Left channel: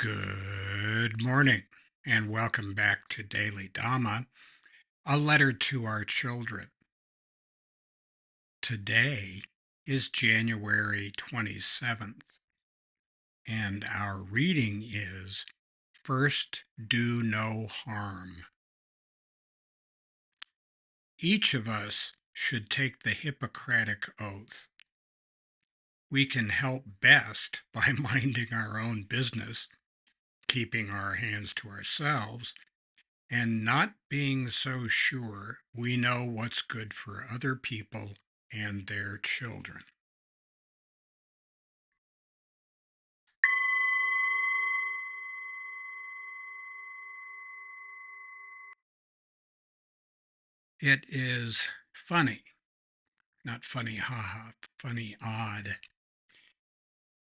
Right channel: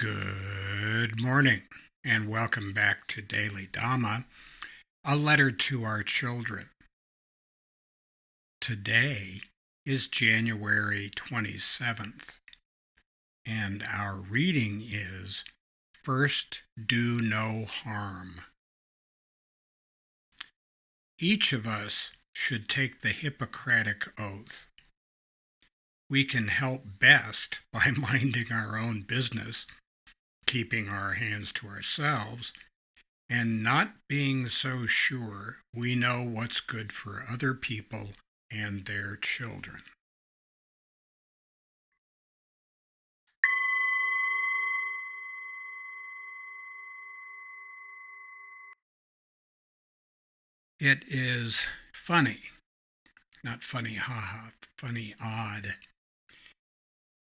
Good morning, and welcome back to Daily Dhamma, a letter to our children. Today is January 27th, and our reading is First Do No Harm. Each of us should take the Hippocratic Oath. We can help best by minding our own business, keeping our hands to ourselves, and not being so sure we know what's good for other people and their children. It is funny, not funny, haha, funny, odd,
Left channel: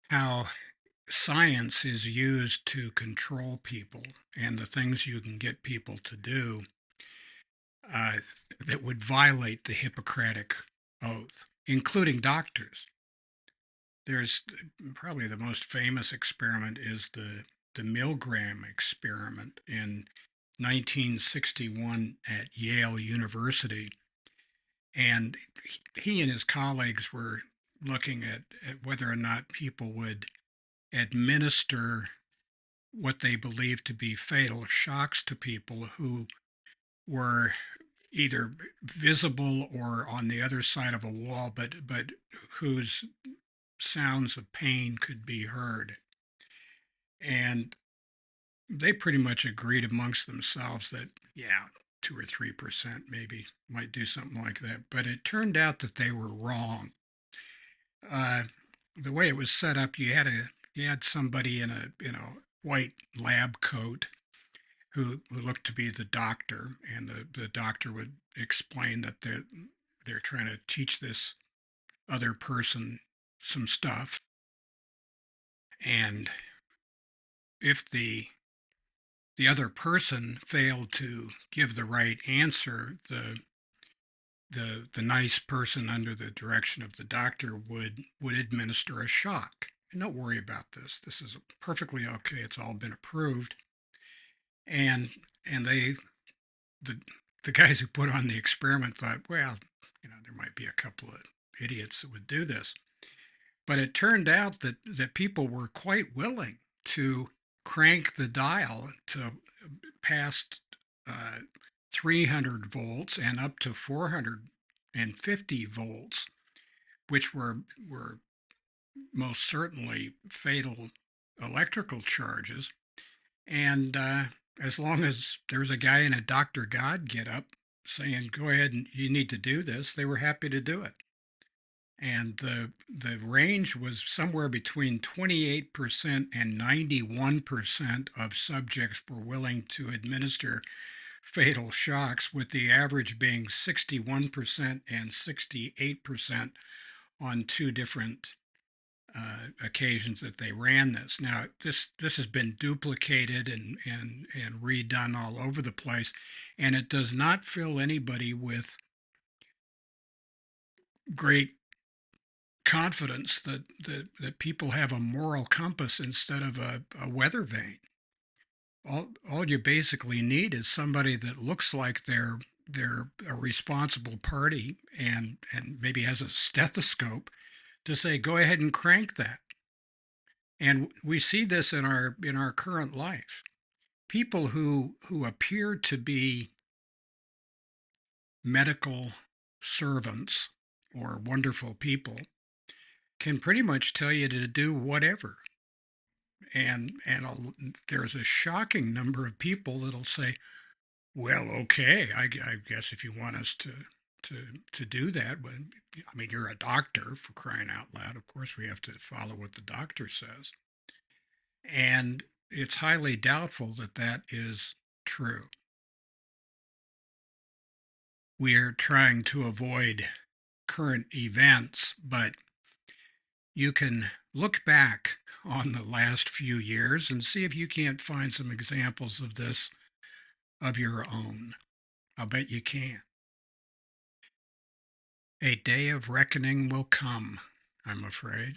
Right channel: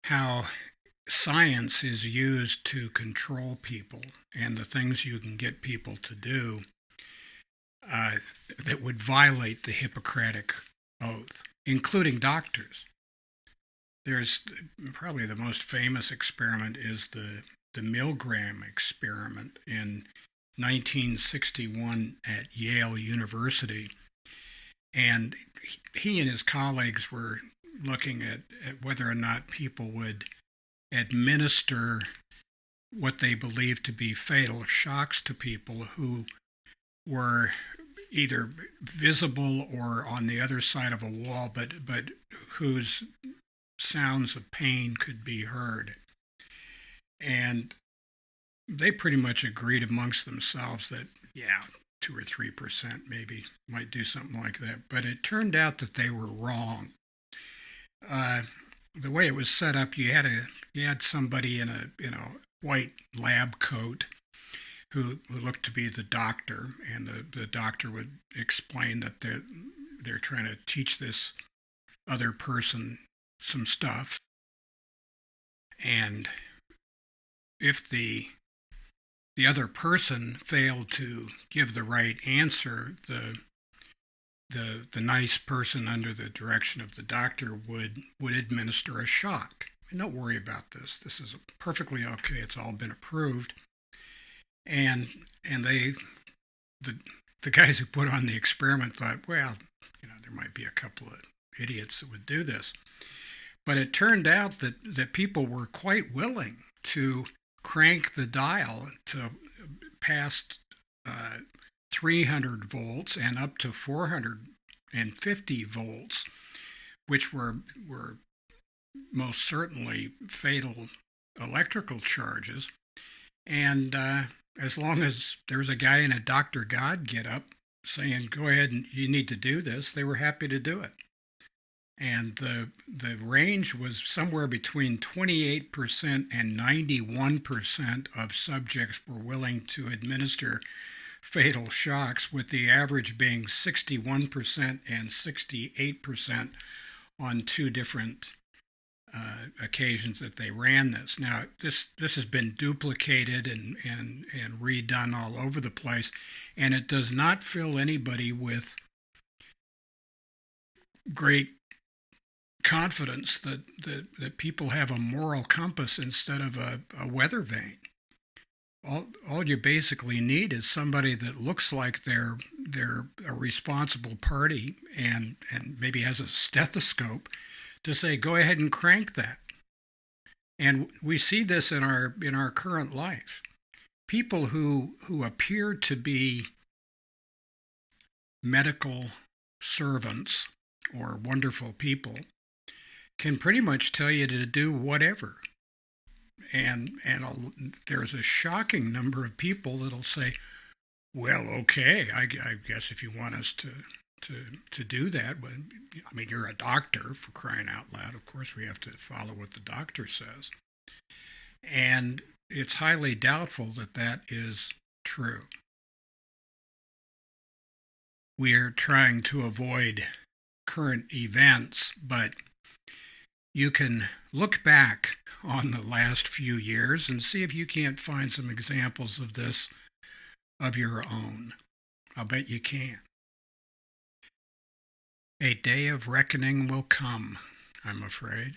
how science is used to control people and the things you can get people to do uh, that would violate the Hippocratic Oath, including doctors. There's probably the most famous experiment is the Milgram experiment in 1961 at Yale University. And he and his colleagues were looking at whether or not people would administer what they believed to be fatal shocks to people who were either visible or on the other side of a wall, but whose sounds of pain could be heard. And they pretty much agreed amongst themselves that, 2 or 3% maybe might do something like that. But it turned out that they were wrong. The way it was set up, you had somebody in a white lab coat who looked to be the doctor, and the doctor would explain that they're trying to teach this other person some stuff. And if the other person failed to give the right answer, the nice person under the direction of the doctor would administer a shock. And don't worry about this. This is perfectly okay. It's all been approved. And the guys who put on the experiment thought, well, there might be a couple of idiots that would do this. But it turned out that people were quite willing to crank the dial to past 300 volts and up to 450 volts, which were most certainly fatal electrical charges. And as long as there's a guy in a Dr. God get up saying, go ahead and you need to do this, they were happy to do it. And the range was somewhere between 28% and 91% of subjects were willing to administer fatal shocks, with the average being 61% and 68% on two different occasions that they ran this. Now, this has been duplicated and redone all over the place, and it does not fill anybody with great confidence that people have a moral compass instead of a weather vane. All you basically need is somebody that looks like they're a responsible party and maybe has a stethoscope to say, go ahead and crank that. And we see this in our current life. People who appear to be medical servants or wonderful people can pretty much tell you to do whatever. And there's a shocking number of people that'll say, well, okay, I guess if you want us to do that, but I mean, you're a doctor, for crying out loud. Of course, we have to follow what the doctor says. And it's highly doubtful that that is true. We're trying to avoid current events, but you can look back on the last few years and see if you can't find some examples of this of your own. I'll bet you can. A day of reckoning will come, I'm afraid.